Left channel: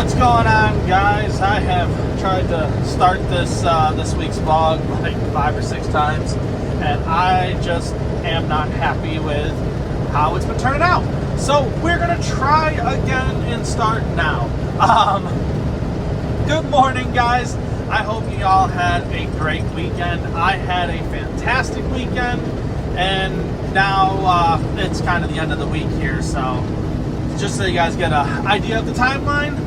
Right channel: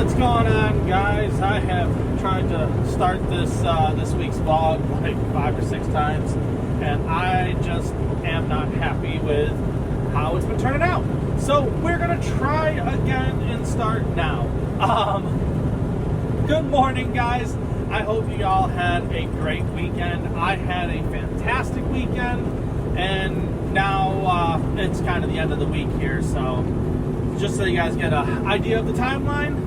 What's going on, guys? I have tried to start this week's vlog like 5 or 6 times, and I just am not happy with how it's been turning out. So we're gonna try again and start now. Good morning, guys. I hope you all had a great weekend. I had a fantastic weekend, and now it's kind of the end of the week here, so just so you guys get an idea of the timeline,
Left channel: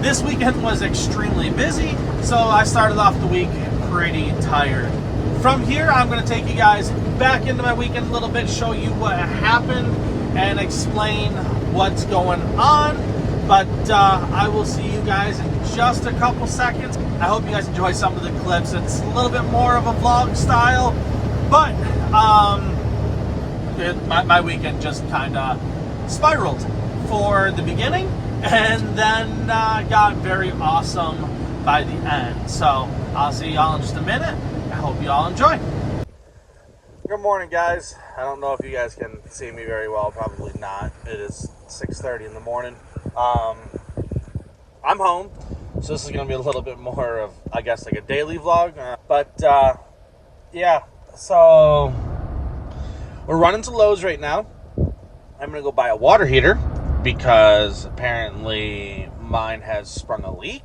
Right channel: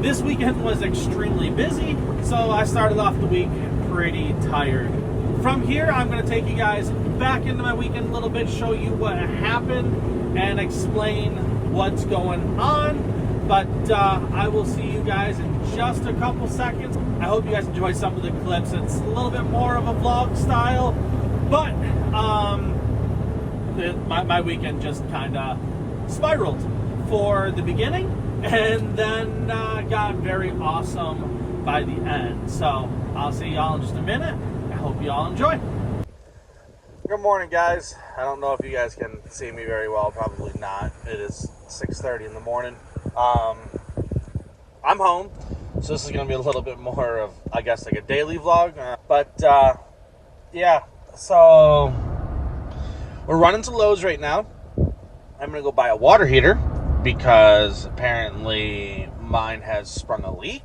this weekend was extremely busy, so I started off the week pretty tired. From here, I'm going to take you guys back into my weekend a little bit, show you what happened, and explain what's going on. But I will see you guys in just a couple seconds. I hope you guys enjoy some of the clips. It's a little bit more of a vlog style, but my weekend just kind of spiraled for the beginning, and then got very awesome by the end. So I'll see y'all in just a minute. I hope you all enjoy. Good morning, guys. I don't know if you guys can see me very well. Probably not. It is 6:30 in the morning. I'm home, so this is going to be a little bit more of, I guess, like a daily vlog. Yeah, so we're running to Lowe's right now. I'm going to go buy a water heater because apparently mine has sprung a leak.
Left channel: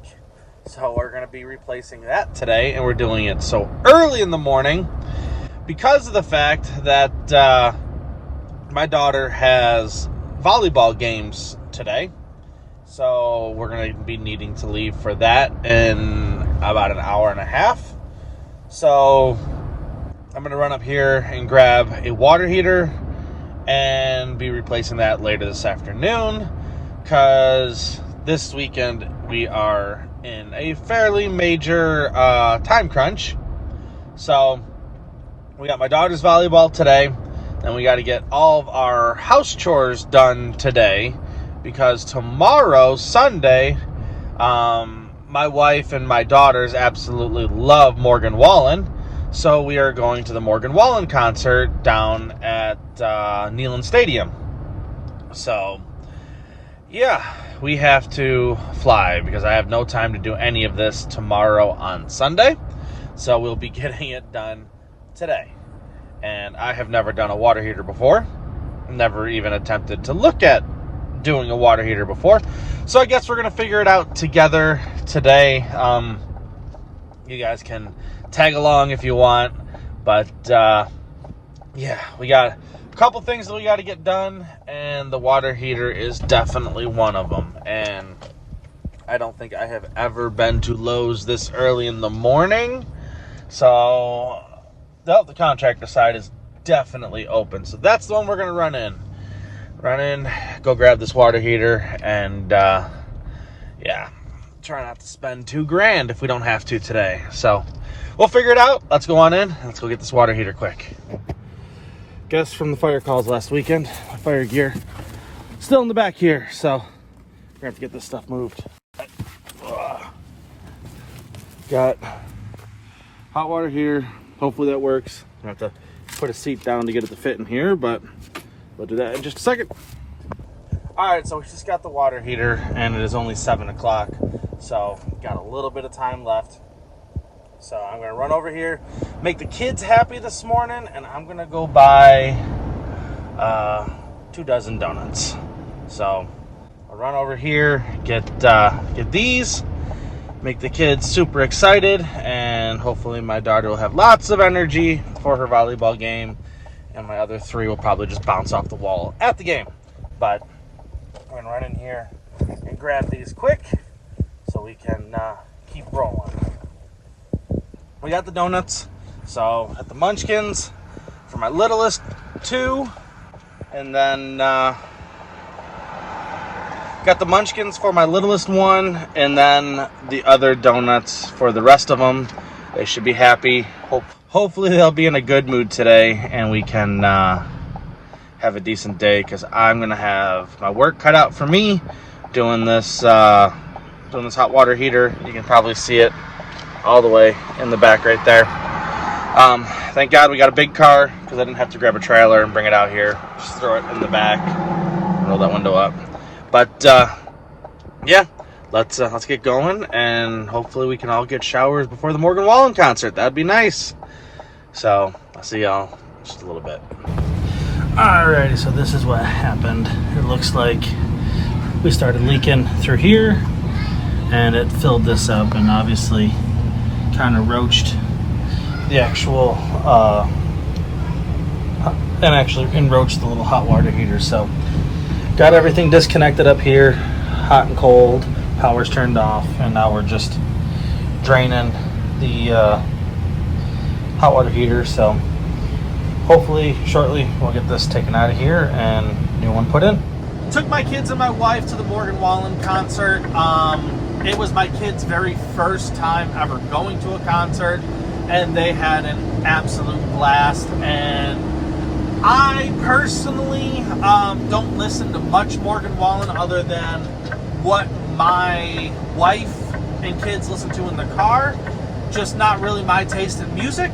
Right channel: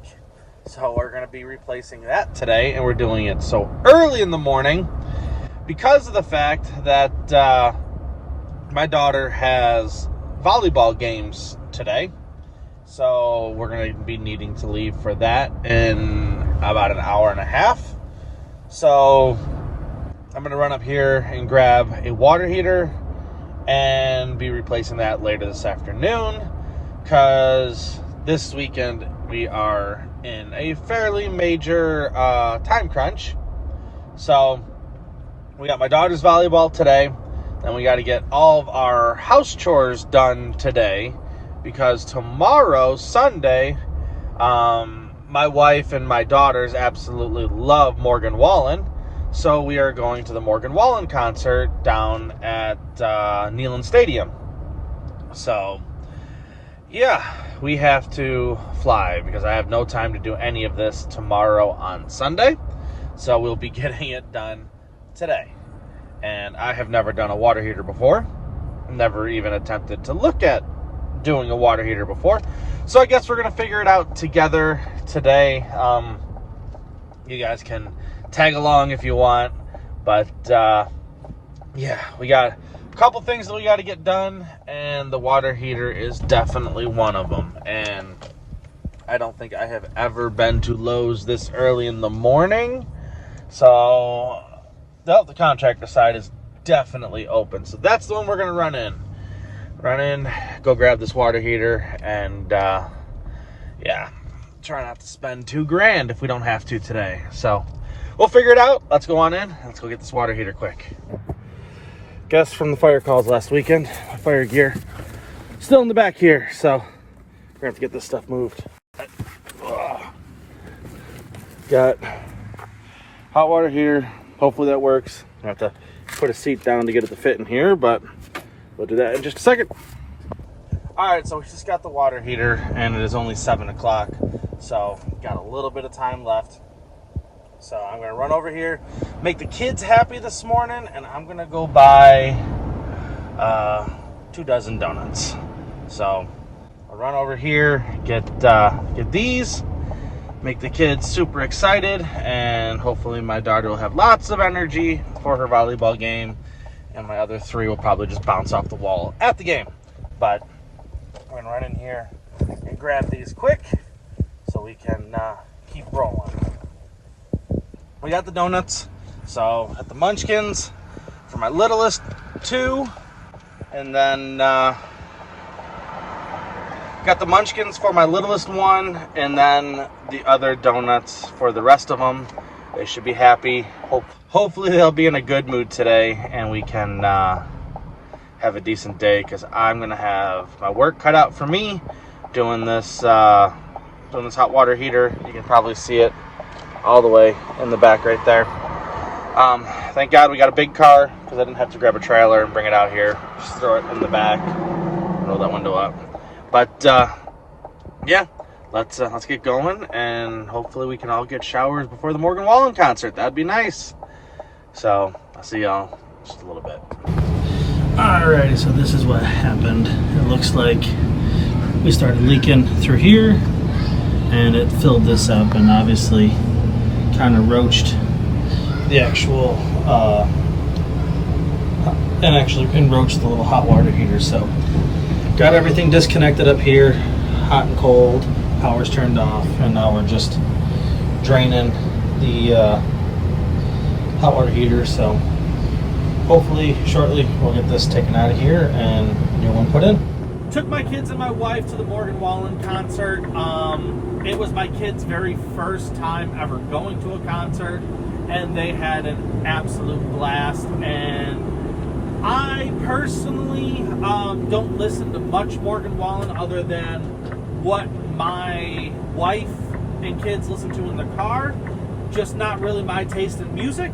So we're going to be replacing that today, and we're doing it so early in the morning because of the fact that my daughter has volleyball games today. So we're going to be needing to leave for that in about an hour and a half. So I'm going to run up here and grab a water heater and be replacing that later this afternoon, because this weekend we are in a fairly major time crunch. So we got my daughter's volleyball today, and we got to get all of our house chores done today, because tomorrow, Sunday, my wife and my daughters absolutely love Morgan Wallen. So we are going to the Morgan Wallen concert down at Neyland Stadium. So, yeah, we have to fly because I have no time to do any of this tomorrow on Sunday. So we'll be getting it done today. And I have never done a water heater before. Never even attempted to look at doing a water heater before. So I guess we're going to figure it out together today. You guys can tag along if you want, but yeah, we got a couple things that we got to get done, and the water heater is definitely one of them. And I don't think I have ever been to Lowe's this early in the morning, so the contractor side is definitely open. So that's the one we're gonna run in, go grab this water heater, and yeah, try not to spend $2,000 if we don't have to today. So we'll figure it out. Let's go on in. Let's go get this water heater quick. Guess from the fire calls last weekend, my fire gear still in the back here, so we're gonna have to get this stuff moved. Got hot water heater. Hopefully that works. I have to put a seat down to get it to fit in here, but we'll do that in just a second. All right, so we just got the water heater, and it is only 7 o'clock, so got a little bit of time left. So I'm gonna run over here, make the kids happy this morning, and I'm gonna go buy 2 dozen donuts. So I'll run over here, get these, make the kids super excited, and hopefully my daughter will have lots of energy for her volleyball game, and my other 3 will probably just bounce off the wall at the game. But we're gonna run in here and grab these quick so we can keep rolling. We got the donuts, so at the Munchkins for my littlest 2, and then got the Munchkins for my littlest 1, and then the other donuts for the rest of them. They should be happy. Hopefully they'll be in a good mood today, and we can have a decent day, because I'm gonna have my work cut out for me doing this hot water heater. You can probably see it all the way in the back right there. Thank God we got a big car, because I didn't have to grab a trailer and bring it out here. Just throw it in the back, roll that window up. But yeah, let's get going, and hopefully we can all get showers before the Morgan Wallen concert. That'd be nice. So I'll see y'all in just a little bit. Alrighty, so this is what happened. It looks like we started leaking through here, and it filled this up, and obviously kind of roached the actual enroached the little hot water heater. So got everything disconnected up here, hot and cold, power's turned off, and now we're just draining the hot water heater. So hopefully shortly we'll get this taken out of here and new one put in. Took my kids and my wife to the Morgan Wallen concert. It was my kids' very first time ever going to a concert, and they had an absolute blast. And I personally don't listen to much Morgan Wallen other than what my wife and kids listen to in the car. Just not really my taste in music,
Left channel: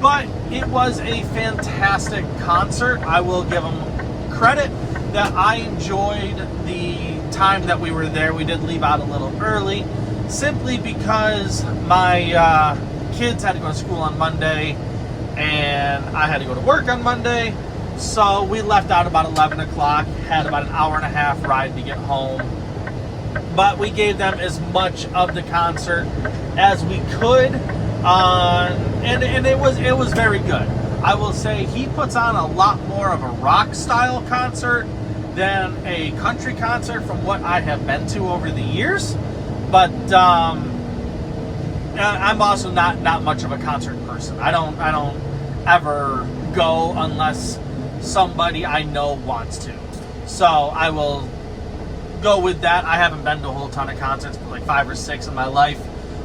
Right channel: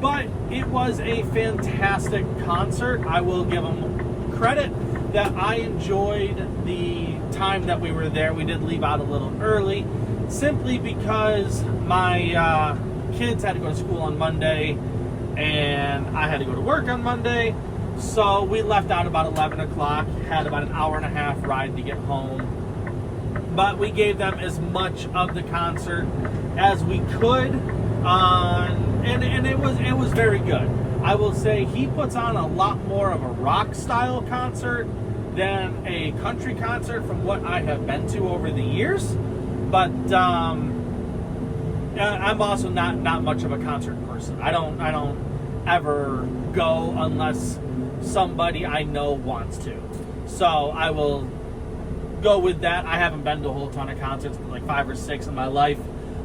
but it was a fantastic concert. I will give them credit that I enjoyed the time that we were there. We did leave out a little early simply because my kids had to go to school on Monday and I had to go to work on Monday. So we left out about 11 o'clock, had about an hour and a half ride to get home. But we gave them as much of the concert as we could, and it was very good. I will say he puts on a lot more of a rock style concert than a country concert from what I have been to over the years. But I'm also not much of a concert person. I don't ever go unless somebody I know wants to. So I will go with that. I haven't been to a whole ton of concerts, but like 5 or 6 in my life.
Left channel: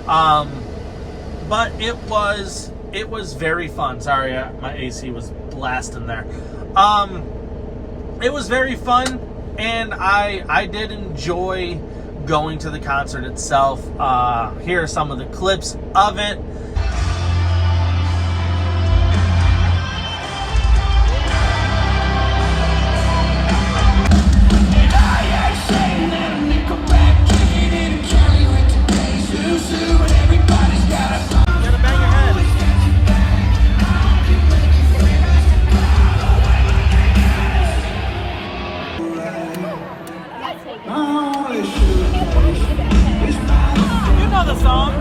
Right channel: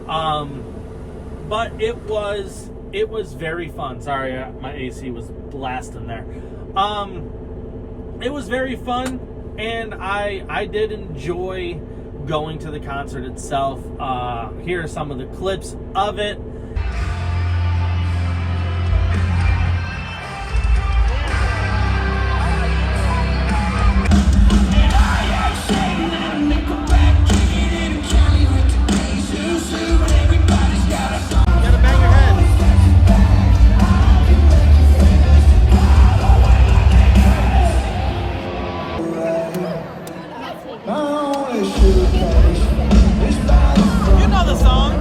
But it was very fun. Sorry, my AC was blasting there. It was very fun, and I did enjoy going to the concert itself. Here are some of the clips of it. You know the song.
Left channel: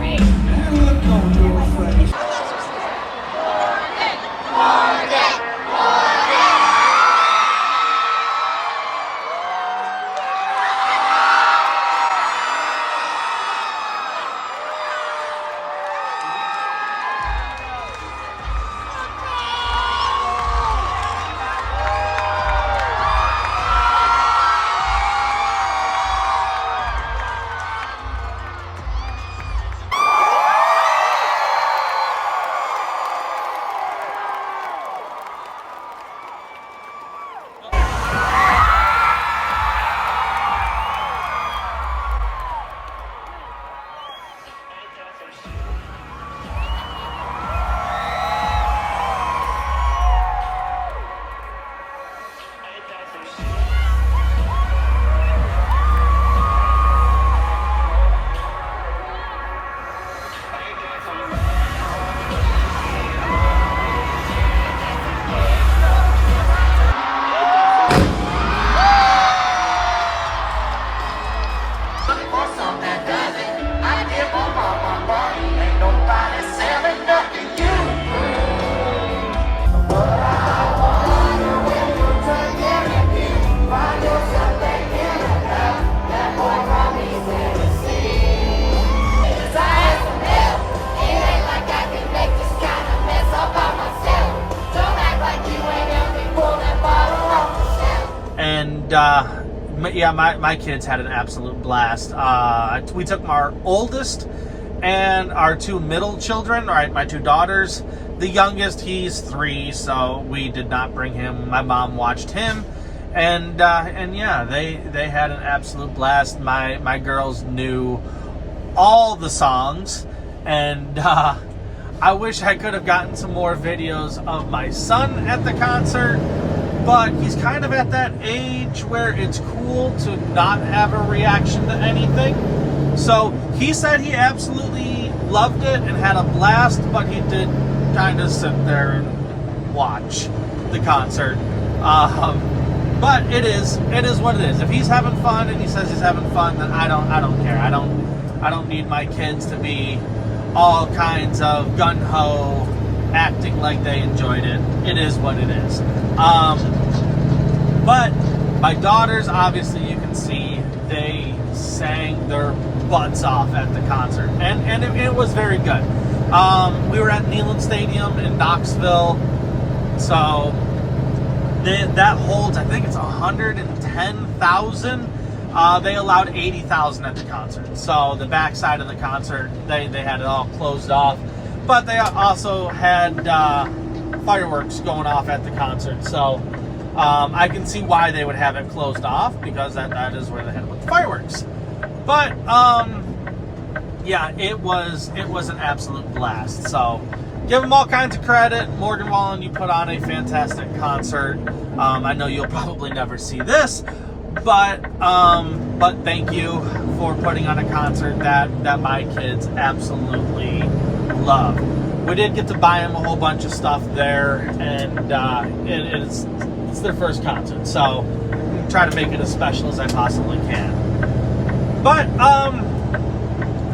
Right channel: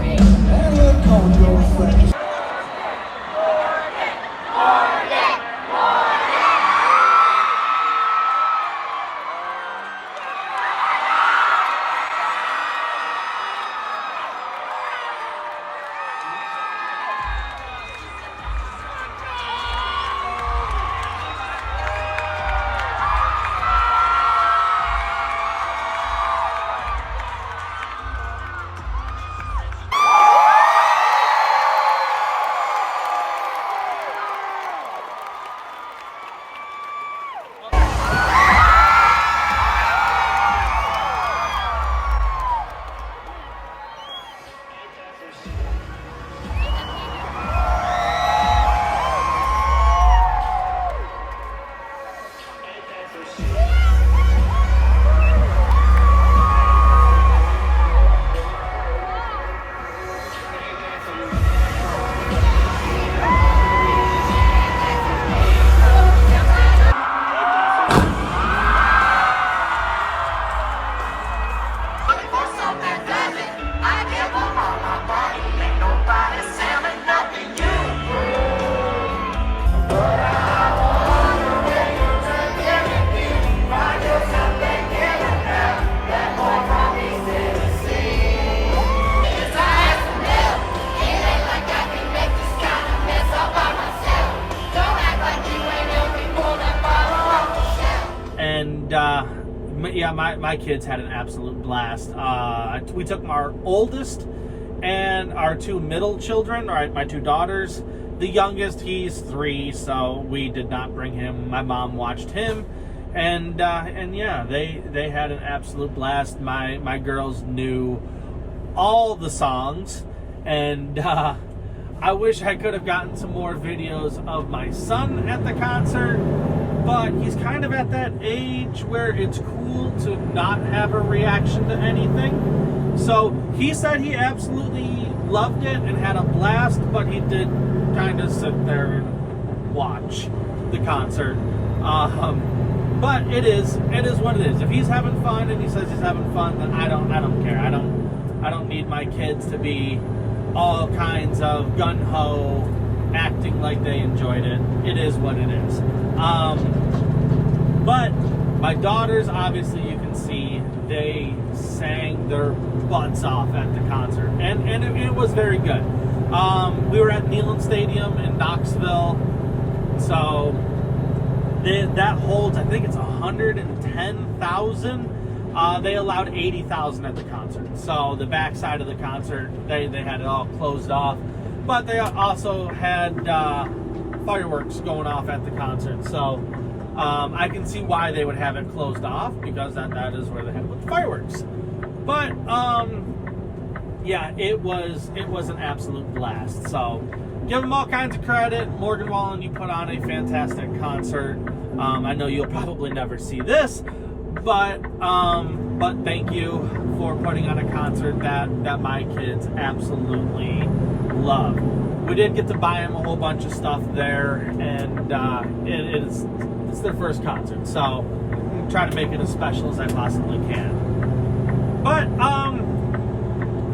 Yeah, my kids had an absolute blast. We took our oldest and our 2 middle children, my 2 daughters. The youngest, he's 3, so we did not bring him. My mom watched him, and yeah, they had an absolute blast. My girls knew all the songs, and I wish I could have gotten some more videos of my son at the concert. But he's kind of at that age where it's cool to not have a reaction to anything. So he said he absolutely loved it and had a blast, but he did kind of sit there and watch the concert. But it is what it is. If he's having fun and he says he's having fun, then I don't care. I don't need my kids to be all kinds of gung-ho, acting like they enjoyed it. It is what it is. But my daughters, obviously you can see, they sang their butts off at the concert, and it was very good. We were at Neyland Stadium in Knoxville, so that holds, I think it's 110,000. They allowed 80,000 at the concert. So the backside of the concert, they had it all closed off. But they also had fireworks going off at the concert. So I can see why they would have it closed off, because that is where they had the fireworks. But yeah, it was an absolute blast. So give them all kinds of credit. Morgan Wallen, you put on a fantastic concert. I know you'll probably never see this, but thank you for putting on a concert that my kids absolutely love. We did get to buy them a whole bunch of stuff there, and it's their first concert, so I'm gonna try to make it as special as I possibly can. But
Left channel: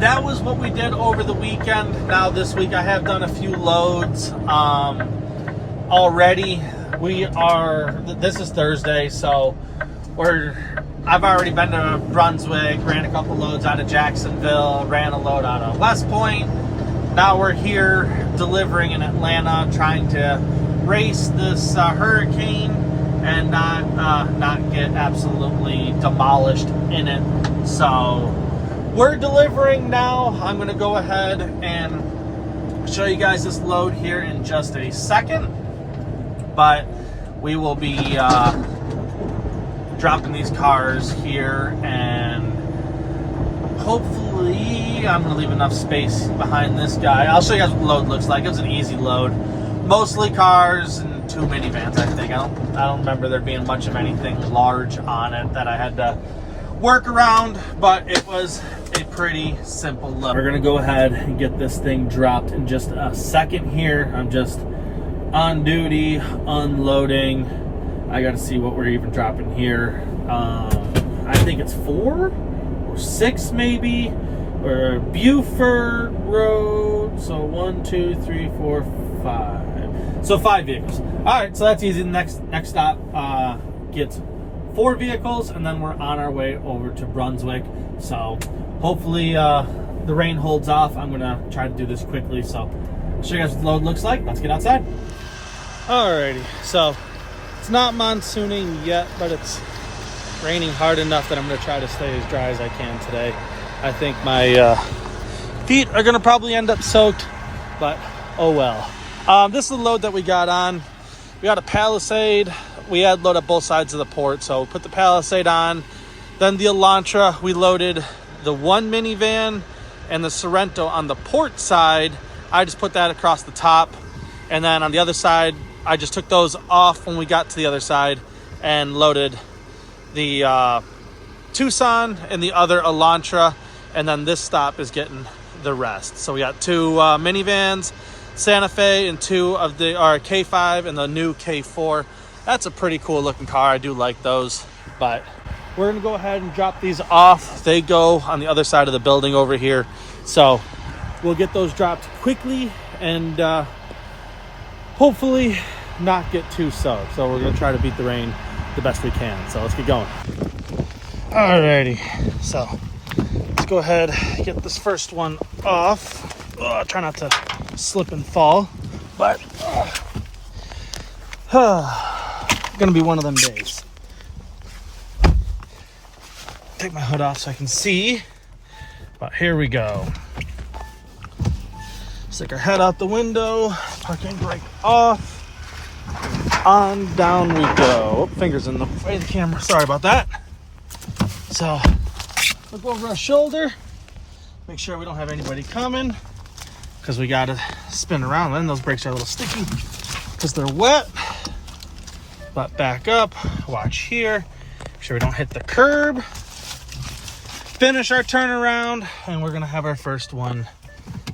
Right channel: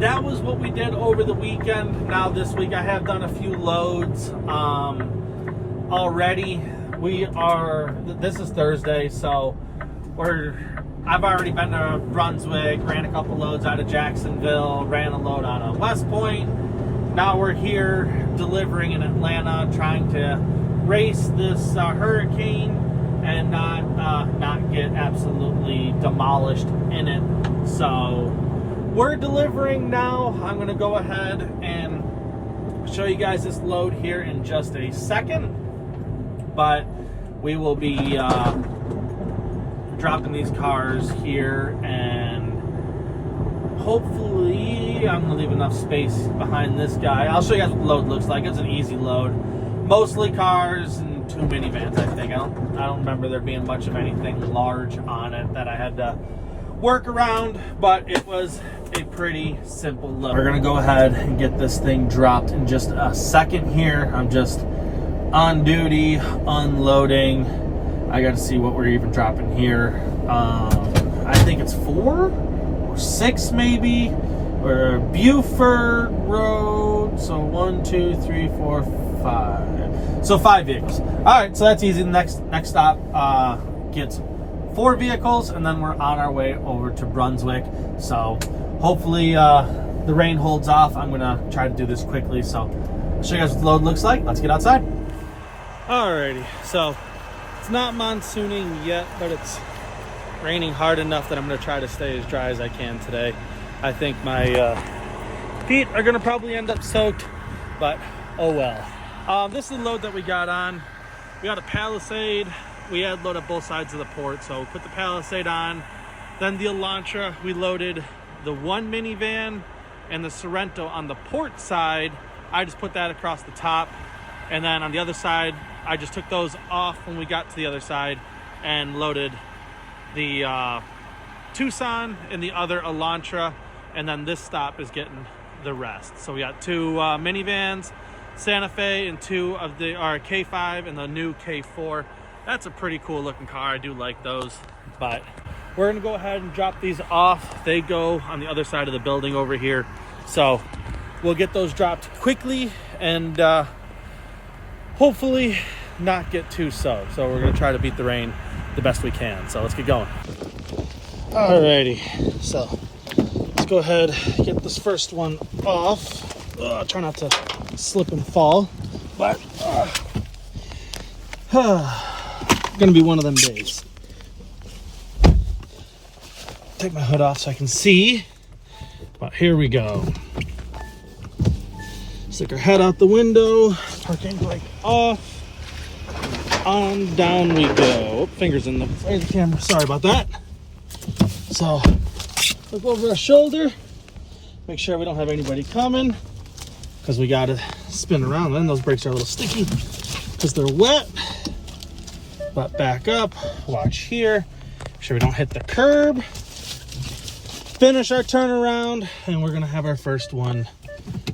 that was what we did over the weekend. Now this week I have done a few loads already. This is Thursday, so I've already been to Brunswick, ran a couple loads out of Jacksonville, ran a load out of West Point. Now we're here delivering in Atlanta, trying to race this hurricane and not get absolutely demolished in it. So we're delivering now. I'm going to go ahead and show you guys this load here in just a second, but we will be dropping these cars here, and hopefully I'm going to leave enough space behind this guy. I'll show you guys what the load looks like. It's an easy load, mostly cars and 2 minivans, I think. I don't remember there being much of anything large on it that I had to work around, but it was a pretty simple load. We're gonna go ahead and get this thing dropped in just a second here. I'm just on duty, unloading. I gotta see what we're even dropping here. I think it's 4 or 6 maybe. We're Buford Road, so 1, 2, 3, 4, 5. So 5 vehicles. All right, so that's easy. The next stop gets 4 vehicles, and then we're on our way over to Brunswick. So hopefully the rain holds off. I'm gonna try to do this quickly. So I'll show you guys what the load looks like. Let's get outside. Alrighty, so it's not monsooning yet, but it's raining hard enough that I'm gonna try to stay as dry as I can today. I think my feet are gonna probably end up soaked, but oh well. This is the load that we got on. We got a Palisade. We had load up both sides of the port, so put the Palisade on. Then the Elantra, we loaded the 1 minivan and the Sorrento on the port side. I just put that across the top, and then on the other side, I just took those off when we got to the other side and loaded the Tucson and the other Elantra, and then this stop is getting the rest. So we got 2 minivans, Santa Fe, and 2 of the K5 and the new K4. That's a pretty cool looking car. I do like those, but we're gonna go ahead and drop these off. They go on the other side of the building over here. So we'll get those dropped quickly and hopefully not get too soaked. So we're gonna try to beat the rain the best we can. So let's get going. Alrighty, so let's go ahead and get this first one off. Try not to slip and fall, but gonna be one of them days. Take my hood off so I can see, but here we go. Stick our head out the window, parking brake off, on down we go. Oh, fingers in the way of the camera, sorry about that. So look over our shoulder, make sure we don't have anybody coming, because we gotta spin around. Then those brakes are a little sticky because they're wet. But back up, watch here, make sure we don't hit the curb. finish our turnaround, and we're gonna have our first one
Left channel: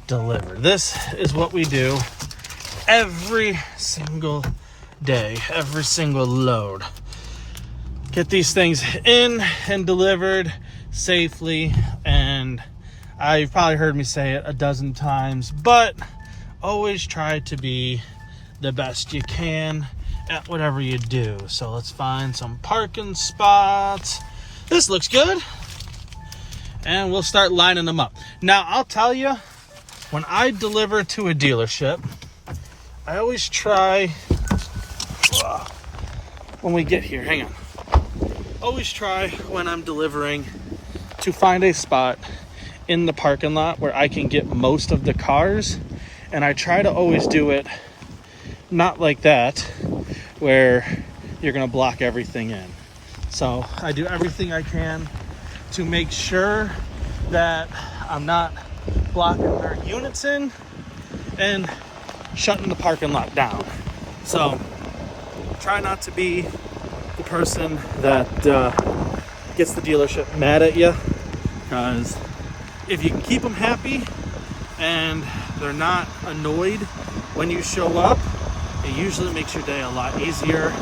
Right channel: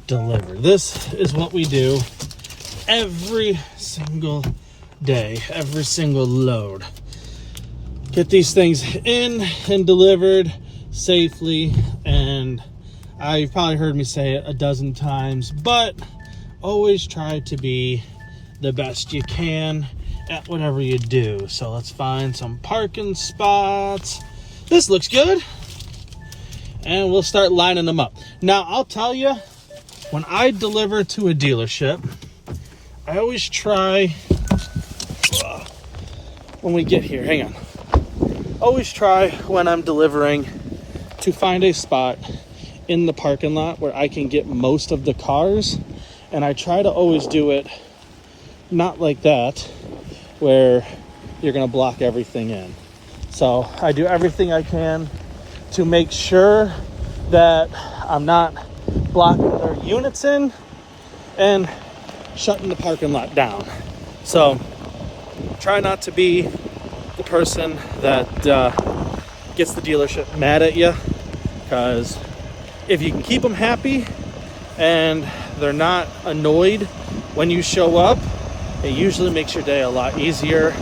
delivered. This is what we do every single day, every single load. Get these things in and delivered safely. And you've probably heard me say it a dozen times, but always try to be the best you can at whatever you do. So let's find some parking spots. This looks good. And we'll start lining them up. Now, I'll tell you, when I deliver to a dealership, I always try, when we get here, hang on. Always try when I'm delivering to find a spot in the parking lot where I can get most of the cars. And I try to always do it not like that, where you're gonna block everything in. So I do everything I can to make sure that I'm not blocking their units in and shutting the parking lot down. So try not to be the person that gets the dealership mad at you, because if you can keep them happy and they're not annoyed when you show up, it usually makes your day a lot easier,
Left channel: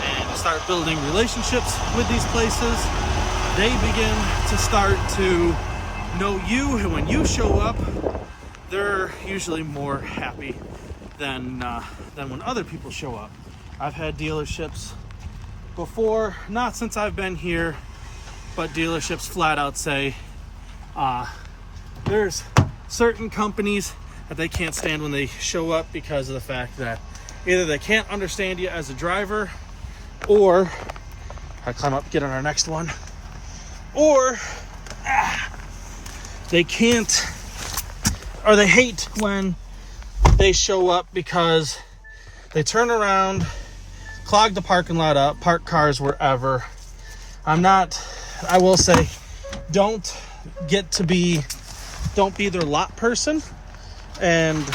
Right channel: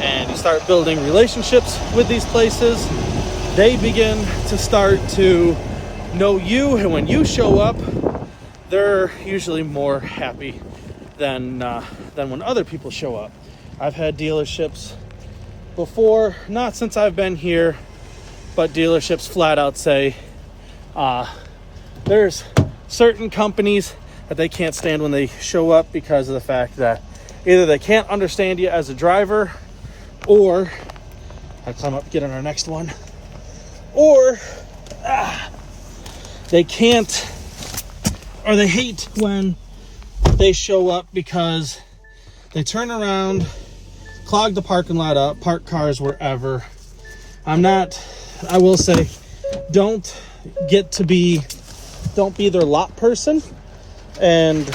and you start building relationships with these places. They begin to start to know you, and when you show up, they're usually more happy than when other people show up. I've had dealerships before, not since I've been here, but dealerships flat out say there's certain companies that they can't stand when they show up because of the fact that either they can't understand you as a driver, or I climb up, get on our next one, or they can't, or they hate when they show up because they turn around, clog the parking lot up, park cars wherever. I will say, don't be their lot person and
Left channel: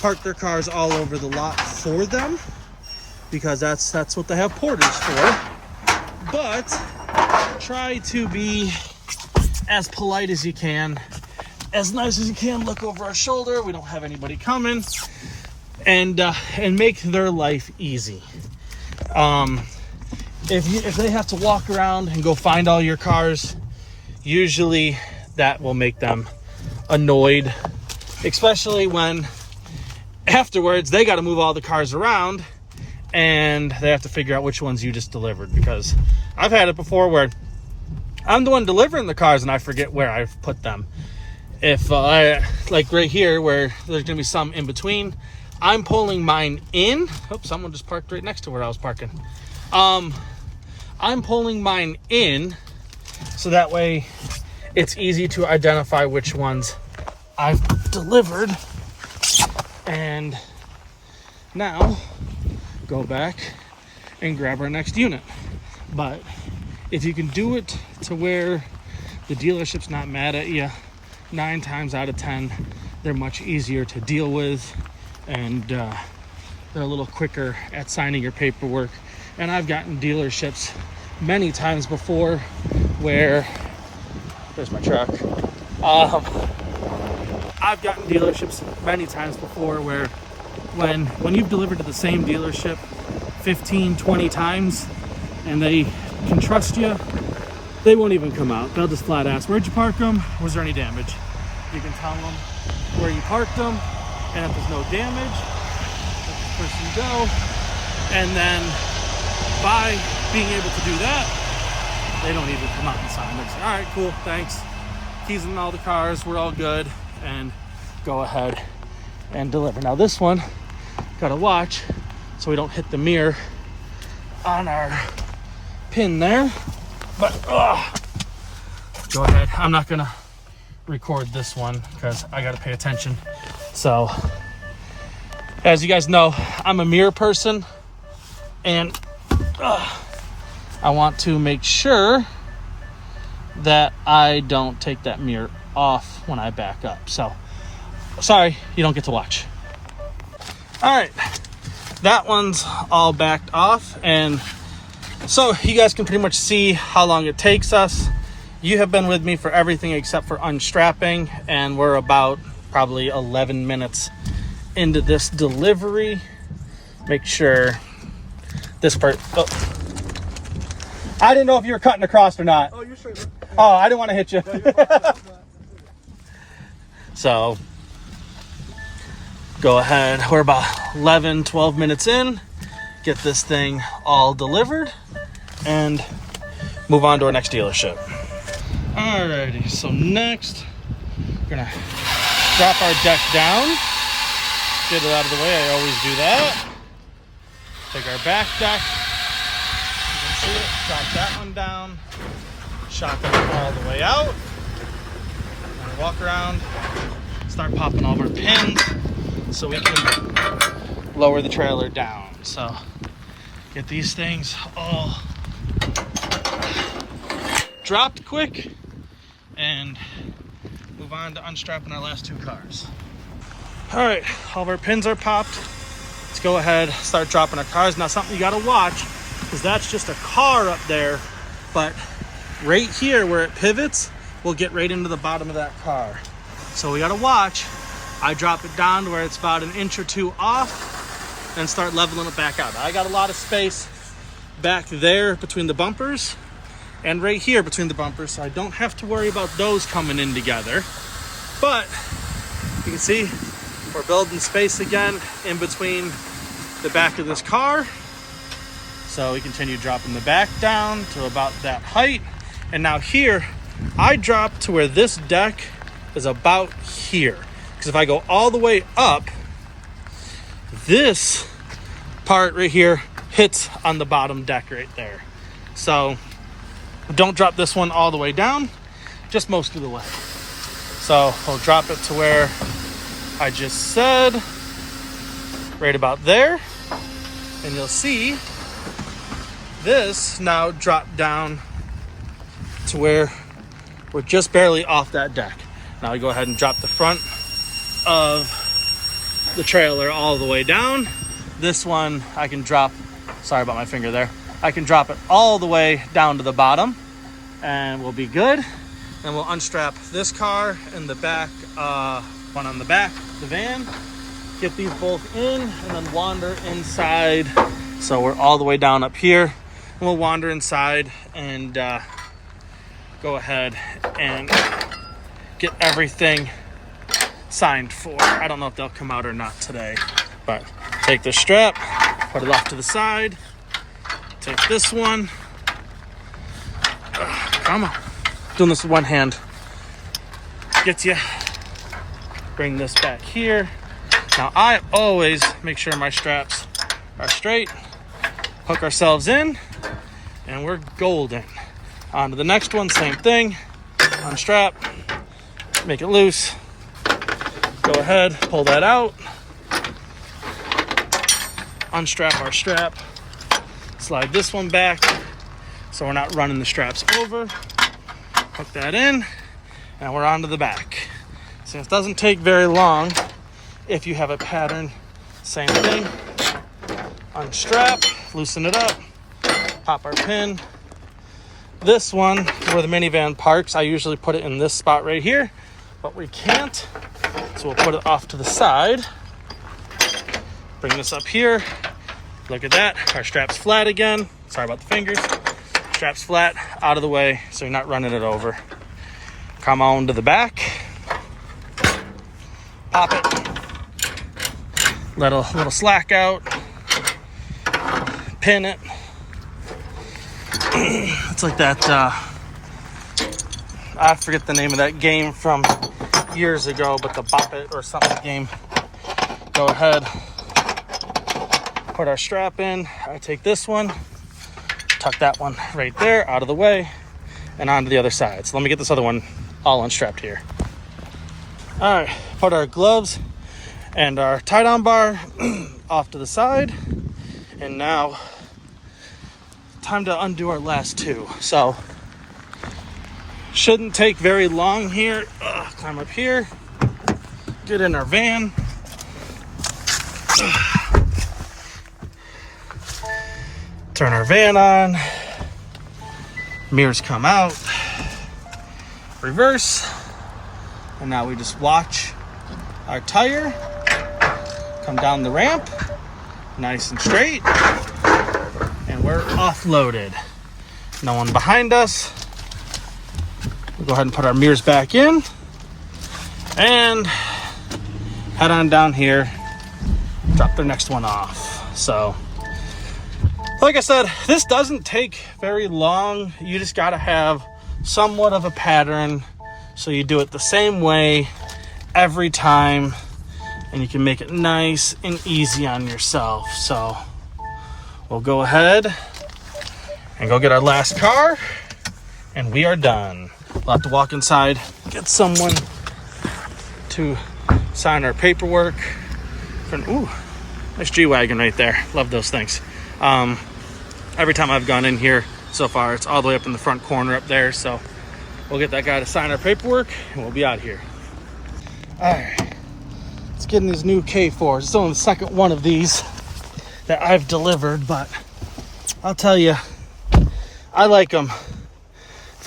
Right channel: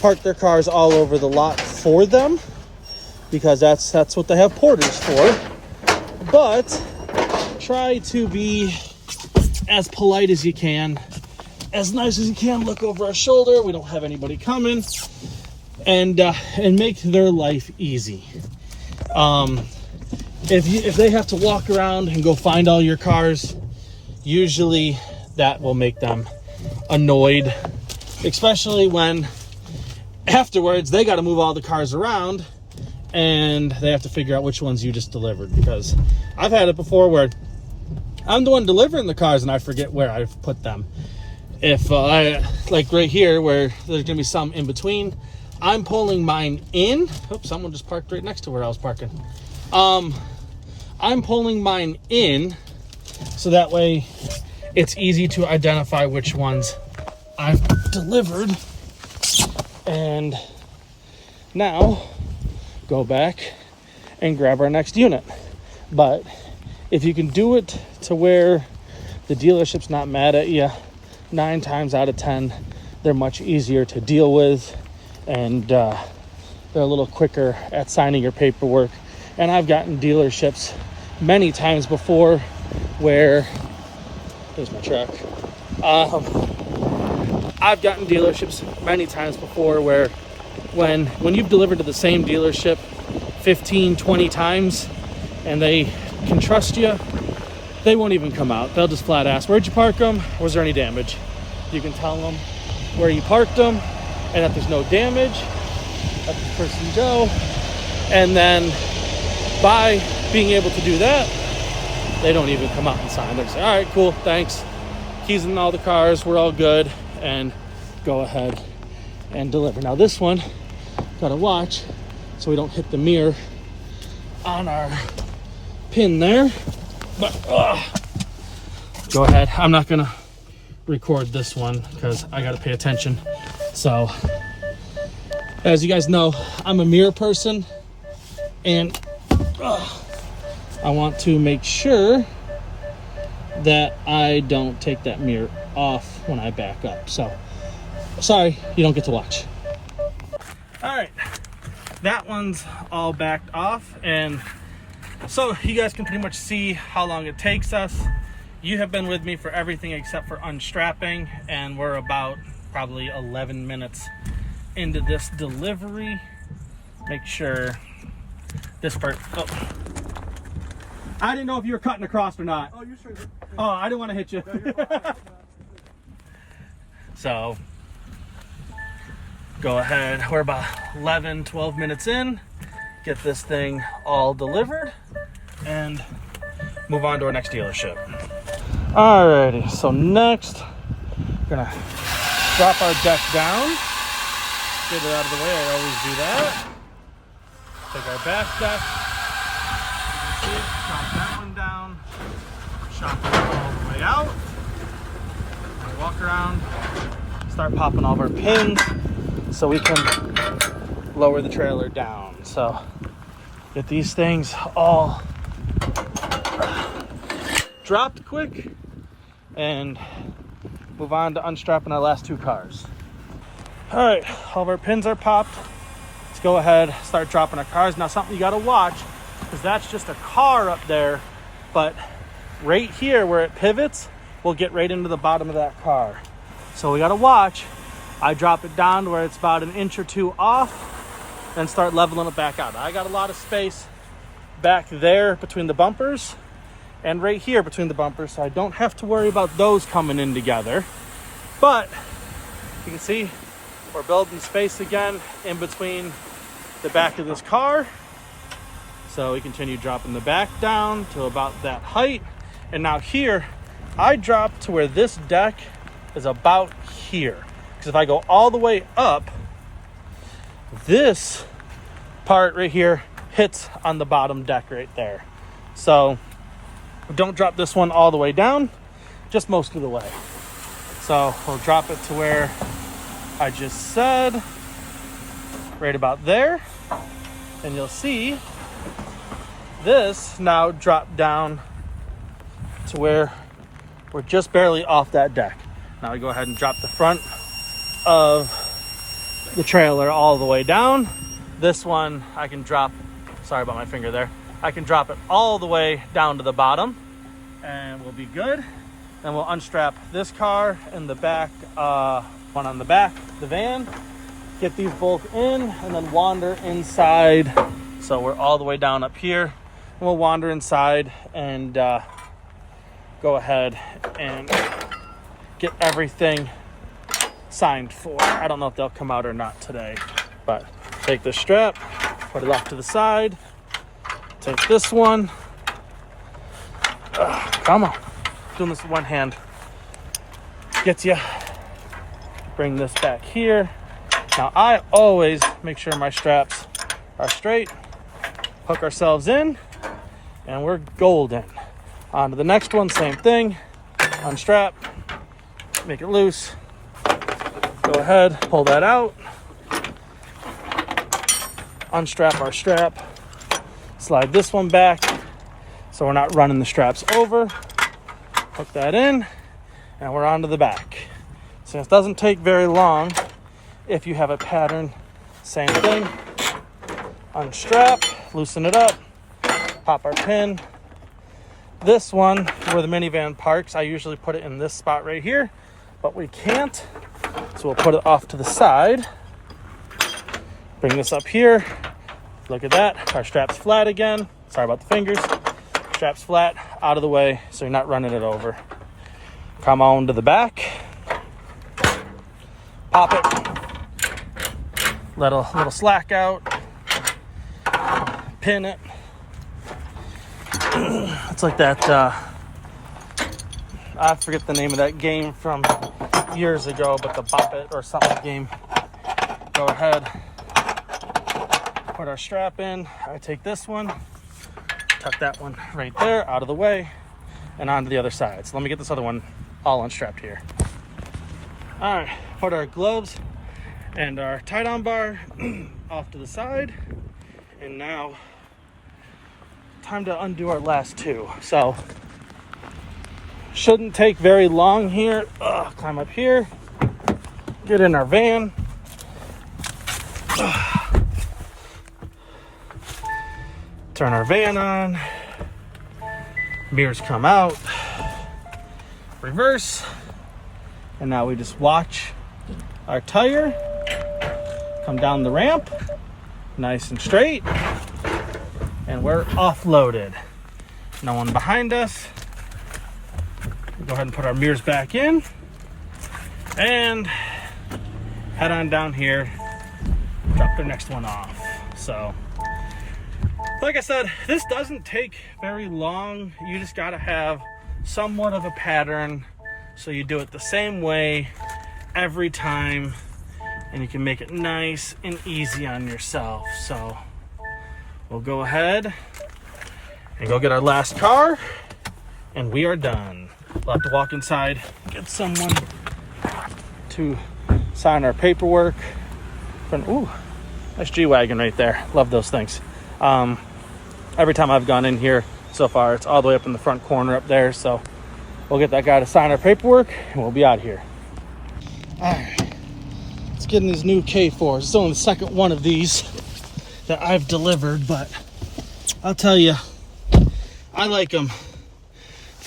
park their cars all over the lot for them, because that's what they have porters for. But try to be as polite as you can, as nice as you can. Look over our shoulder, we don't have anybody coming, and make their life easy. If they have to walk around and go find all your cars, usually that will make them annoyed, especially when afterwards they got to move all the cars around and they have to figure out which ones you just delivered. Because I've had it before where I'm the one delivering the cars and I forget where I've put them. If like right here where there's gonna be some in between, I'm pulling mine in. Oops, someone just parked right next to where I was parking. I'm pulling mine in so that way it's easy to identify which ones I've delivered. And now go back and grab our next unit. But if you can do it to where the dealership's not mad at you, 9 times out of 10 they're much easier to deal with, and they're a little quicker at signing your paperwork. And I've gotten dealerships many times before where there's my truck. I've gotten dealerships many times before where when you've delivered to the same dealership 15, 20 times and they can trust you, they won't even come out. They'll just flat ask, where'd you park them? Was there any damage? You can tell them where you parked them, and if there's no damage, let the person go. And then by being able to do that, they don't even come out and sign. They say, all right, cool, thanks. Keys in all the cars, we're all good, and go ahead and deliver. Now this one, gotta watch so we don't hit the mirror on our pin there. But go ahead. I'm not gonna record this one because I gotta pay attention. So as you guys know, I'm a mirror person, and I want to make sure that I don't take that mirror off when I back up. So sorry, you don't get to watch. All right, that one's all backed off, and so you guys can pretty much see how long it takes us You have been with me for everything except for unstrapping, and we're about probably 11 minutes into this delivery. Make sure this part, oh. I didn't know if you were cutting across or not. Oh, you're straight. Oh, I didn't want to hit you. So, go ahead. We're about 11, 12 minutes in. Get this thing all delivered and move on to our next dealership. Alrighty, so next, we're gonna drop our deck down. Get it out of the way, I always do that. Take our back deck. You can see it, drop that one down. Shotgun it all the way out. And walk around, start popping all of our pins so we can lower the trailer down. So get these things all dropped quick and move on to unstrapping our last two cars. All right, all of our pins are popped. Let's go ahead, start dropping our cars. Now something you gotta watch, because that's just a car up there, but right here where it pivots, we'll get right into the bottom of that car. So we gotta watch. I drop it down to where it's about an inch or two off and start leveling it back out. I got a lot of space back there between the bumpers and right here between the bumpers, so I don't have to worry about those coming in together. But you can see we're building space again in between the back of this car. So we continue dropping the back down to about that height. And now here, I drop to where this deck is about here. Because if I go all the way up, this part right here hits on the bottom deck right there. So don't drop this one all the way down, just most of the way. So we'll drop it to where I just said, right about there. And you'll see this now drop down to where we're just barely off that deck. Now we go ahead and drop the front of the trailer all the way down. This one I can drop, sorry about my finger there. I can drop it all the way down to the bottom and we'll be good. And we'll unstrap this car and the back, one on the back, the van. Get these both in and then wander inside. So we're all the way down up here. And we'll wander inside and go ahead and get everything signed for. I don't know if they'll come out or not today, but take the strap, put it off to the side. Take this one. Come on. Doing this with one hand. Gets you. Bring this back here. Now I always make sure my straps are straight. Hook ourselves in and we're golden. On to the next one, same thing. Unstrap, make it loose. Go ahead, pull that out. Unstrap our strap. Slide this one back so we're not running the straps over. Hook that in and we're on to the back. So it doesn't take very long if you have a pattern. Same thing. Unstrap, loosen it up, pop our pin. This one, where the minivan parks, I usually put it in this spot right here, but we can't. So we'll put it off to the side. Bring this up here. Look at that. Our strap's flat again. Sorry about the fingers. Strap's flat, out of the way, so you're not running it over. Come on to the back. Pop it. Let a little slack out. Pin it. It's like that, I forget the name of that game from years ago, but the Bop It or something game. Go ahead, put our strap in. I take this one, tuck that one right there, out of the way, and onto the other side. So let me get this other one all unstrapped here. All right, put our gloves and our tie-down bar off to the side. And now, time to undo our last two. So, shouldn't take very long here. Climb up here, get in our van. Turn our van on. Mirrors come out. reverse, and now we just watch our tire come down the ramp nice and straight, and we're offloaded. No one behind us. We'll go ahead and put our mirrors back in and head on down here, drop their next one off. So like I said, this doesn't take very long. You just got to have somewhat of a pattern, so you do it the same way every time, and you can make it nice and easy on yourself. So we'll go ahead and go get our last car, and we are done. We'll have to walk inside, get someone to sign our paperwork. Ooh, nice G-Wagon right there. Love those things. Every time I've gone in here so far, it's all the way up in the front corner up there. So we'll get that guy to sign our paperwork, and we'll be out here. All right, let's get in these new K4s. It's only the second one of these that I've delivered, but I'll tell you, I like them.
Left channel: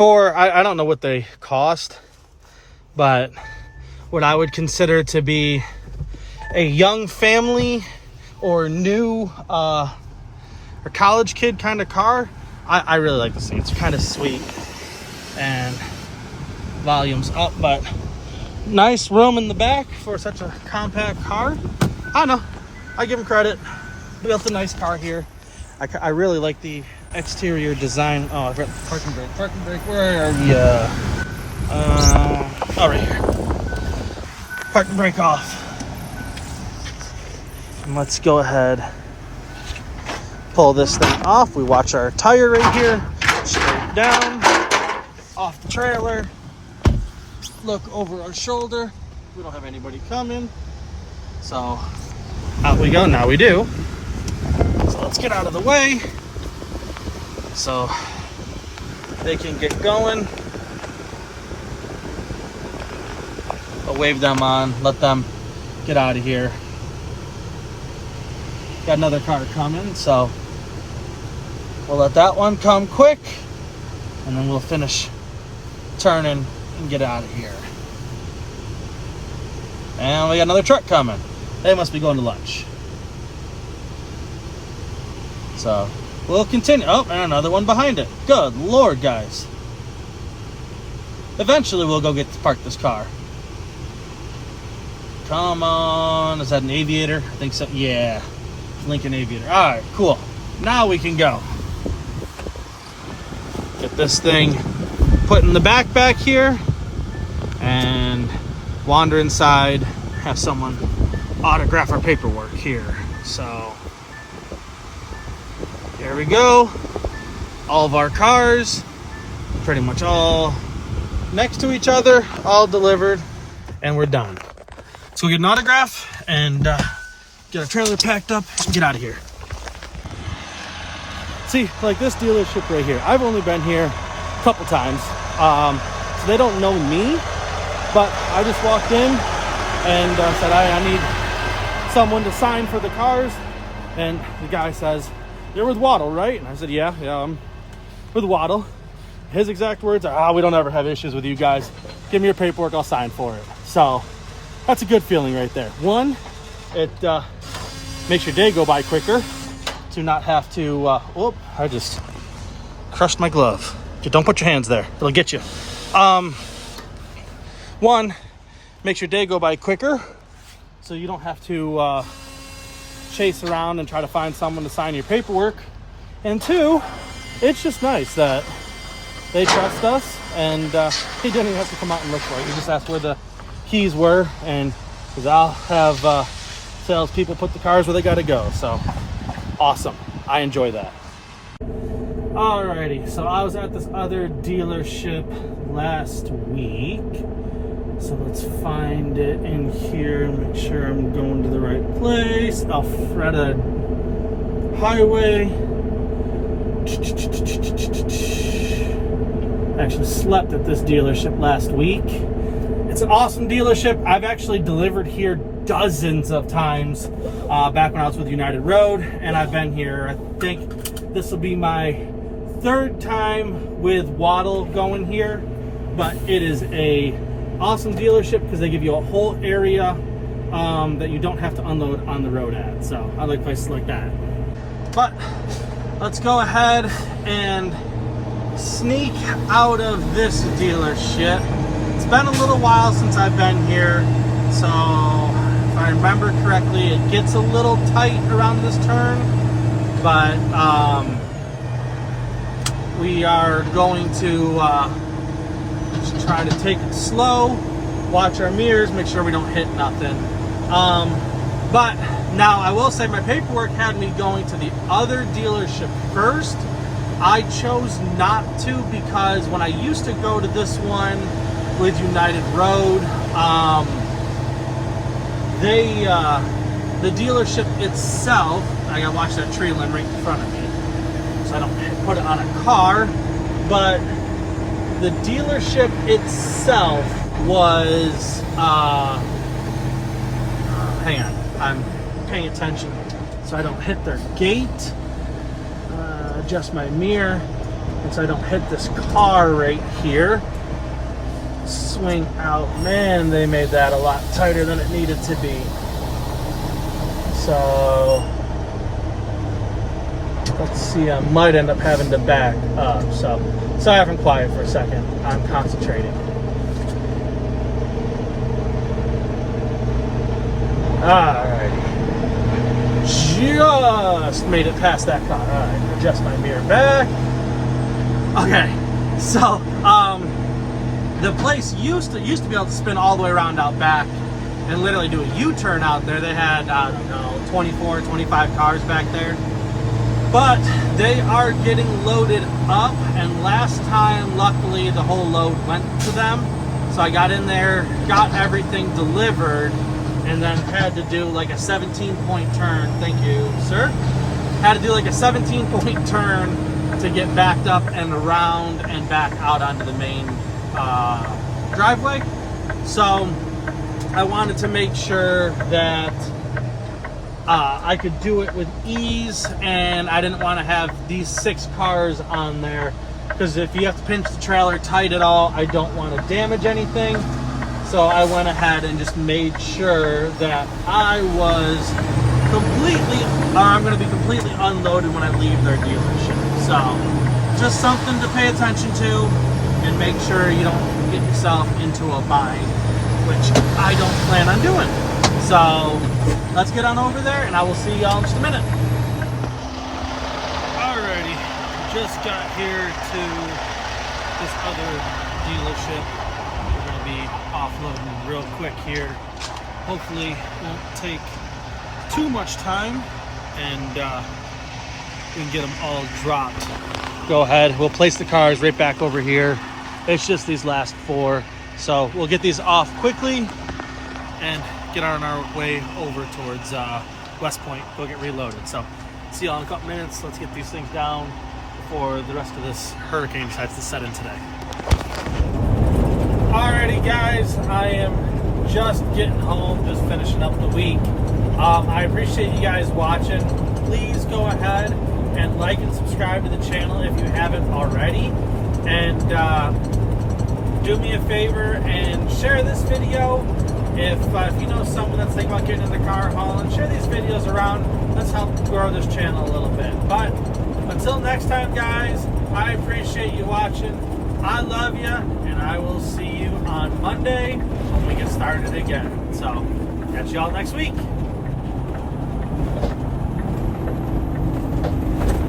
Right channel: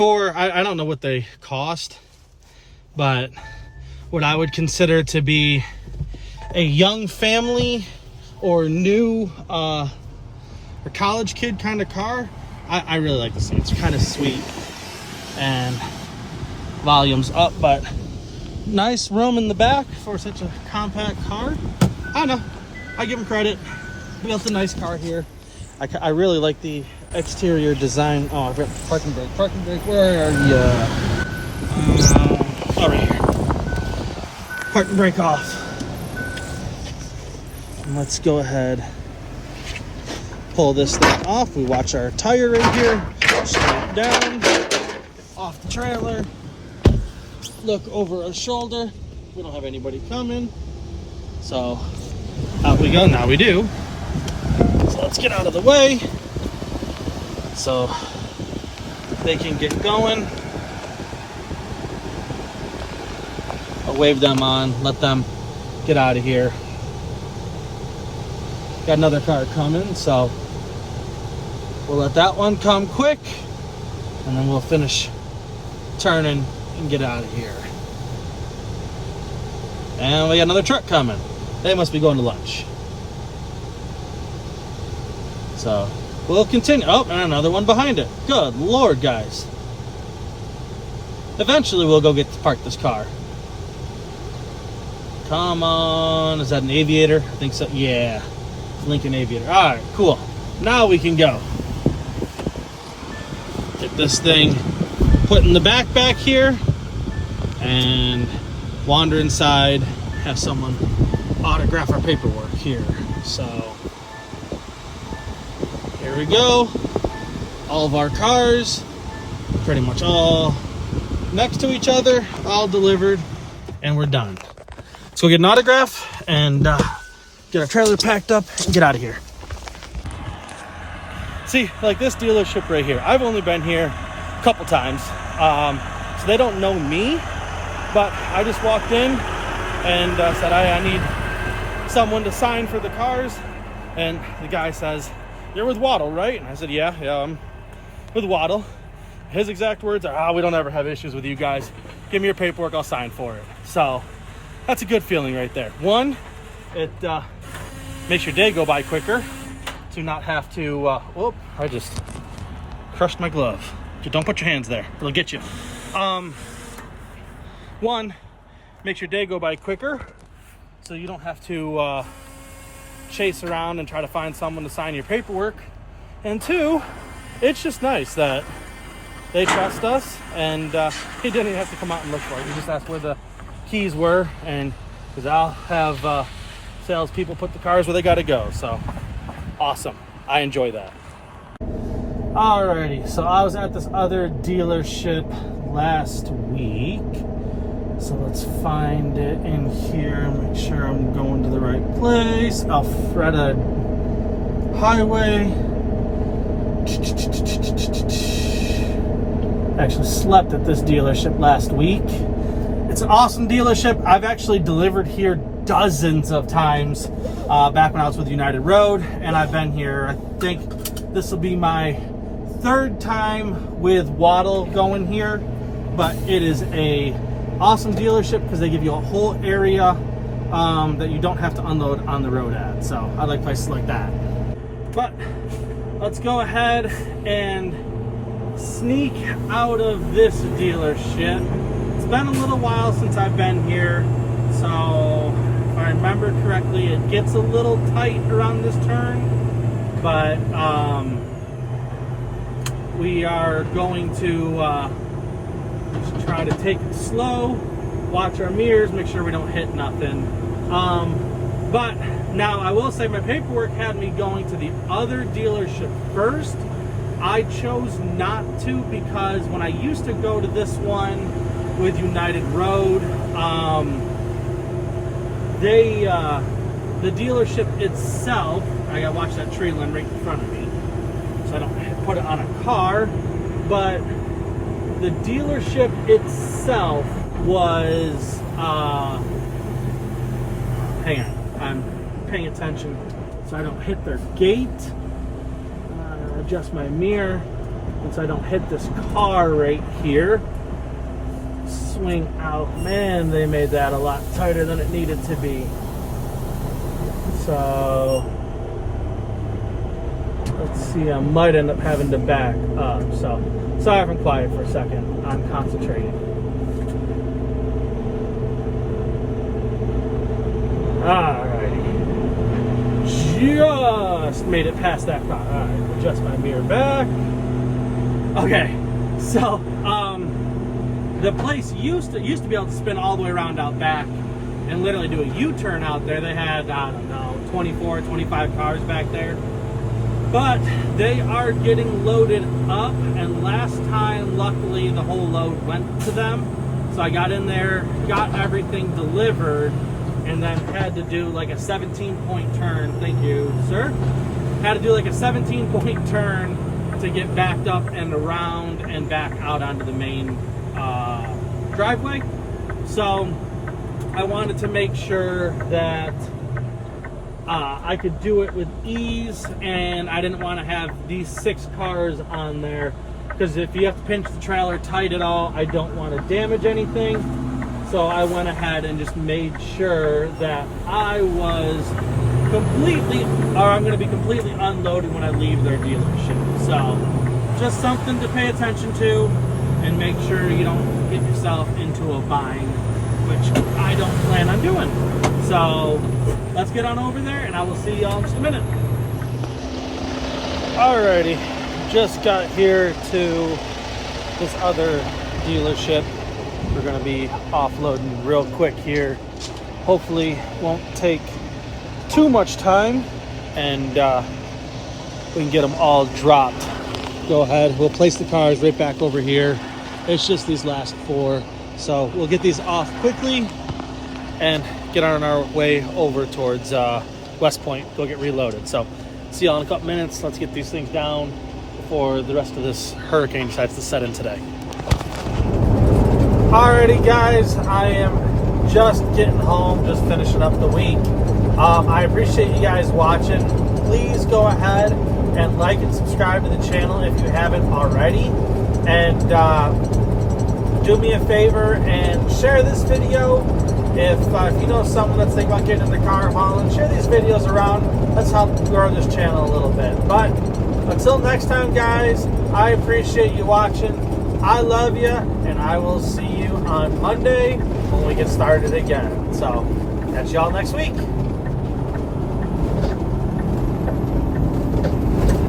I don't know what they cost, but what I would consider to be a young family or new or college kid kind of car, I really like the seat. It's kind of sweet, and volume's up, but nice room in the back for such a compact car. I don't know, I give them credit. Built a nice car here. I really like the exterior design. Oh, I've got parking brake. Parking brake, where are you? Oh, right here. Parking brake off. And let's go ahead, pull this thing off. We watch our tire right here, straight down, off the trailer, look over our shoulder. We don't have anybody coming, so out we go. Now we do. So let's get out of the way so they can get going. I'll wave them on, let them get out of here. Got another car coming, so we'll let that one come quick, and then we'll finish turning and get out of here. And we got another truck coming. They must be going to lunch. So we'll continue. Oh, and another one behind it. Good Lord, guys. Eventually we'll go get to park this car. Come on. Is that an Aviator? I think so. Yeah. Lincoln Aviator. All right, cool. Now we can go. Get this thing put in the back here and wander inside, have someone autograph our paperwork here. So here we go. All of our cars, pretty much all next to each other, all delivered, and we're done. Let's go get an autograph and get our trailer packed up and get out of here. See, like this dealership right here, I've only been here a couple times, so they don't know me, but I just walked in and said I need someone to sign for the cars, and the guy says, "You're with Waddle, right?" And I said, yeah, I'm with Waddle. His exact words are, we don't ever have issues with you guys. Give me your paperwork, I'll sign for it. So that's a good feeling right there. One, it makes your day go by quicker to not have to, I just crushed my glove. Don't put your hands there, it'll get you. One, makes your day go by quicker, so you don't have to chase around and try to find someone to sign your paperwork. And two, it's just nice that they trust us, and he didn't even have to come out and look for it. He just asked where the keys were, and because I'll have salespeople put the cars where they got to go. So awesome. I enjoy that. Alrighty, so I was at this other dealership last week. So let's find it in here, make sure I'm going to the right place. Alfreda Highway. Actually slept at this dealership last week. It's an awesome dealership. I've actually delivered here dozens of times back when I was with United Road, and I've been here, I think this will be my third time with Waddle going here. but it is a awesome dealership because they give you a whole area that you don't have to unload on the road at. So I like places like that. But let's go ahead and sneak out of this dealership. It's been a little while since I've been here, so if I remember correctly, it gets a little tight around this turn, but we are going to just try to take it slow, watch our mirrors, make sure we don't hit nothing. But now I will say my paperwork had me going to the other dealership first. I chose not to because when I used to go to this one with United Road, the dealership itself, I gotta watch that tree limb right in front of me so I don't put it on a car, but the dealership itself was, hang on, I'm paying attention so I don't hit their gate, adjust my mirror, and so I don't hit this car right here. Swing out. Man, they made that a lot tighter than it needed to be. So let's see, I might end up having to back up. So sorry if I'm quiet for a second. I'm concentrating. Alright. Just made it past that car. Alright, adjust my mirror back. Okay, so the place used to be able to spin all the way around out back and literally do a U-turn out there. They had, I don't know, 24, 25 cars back there. But they are getting loaded up, and last time, luckily, the whole load went to them. So I got in there, got everything delivered, and then had to do like a 17-point turn. Thank you, sir. Had to do like a 17-point turn to get backed up and around and back out onto the main driveway. So I wanted to make sure that I could do it with ease, and I didn't want to have these 6 cars on there because if you have to pinch the trailer tight at all, I don't want to damage anything. So I went ahead and just made sure that I was completely, or I'm going to be completely unloaded when I leave their dealership. So just something to pay attention to and make sure you don't get yourself into a bind, which I don't plan on doing. So let's get on over there and I will see y'all in just a minute. Alrighty, just got here to this other dealership. We're going to be offloading real quick here. Hopefully won't take too much time, and we can get them all dropped. Go ahead, we'll place the cars right back over here. It's just these last 4, so we'll get these off quickly and get on our way over towards West Point, go get reloaded. So see y'all in a couple minutes. Let's get these things down before the rest of this hurricane decides to set in today. Alrighty guys, I am just getting home, just finishing up the week. I appreciate you guys watching. Please go ahead and like and subscribe to the channel if you haven't already. And do me a favor and share this video. If you know someone that's thinking about getting in the car hauling, share these videos around. Let's help grow this channel a little bit. But until next time guys, I appreciate you watching. I love you, and I will see you on Monday when we get started again. So catch y'all next week.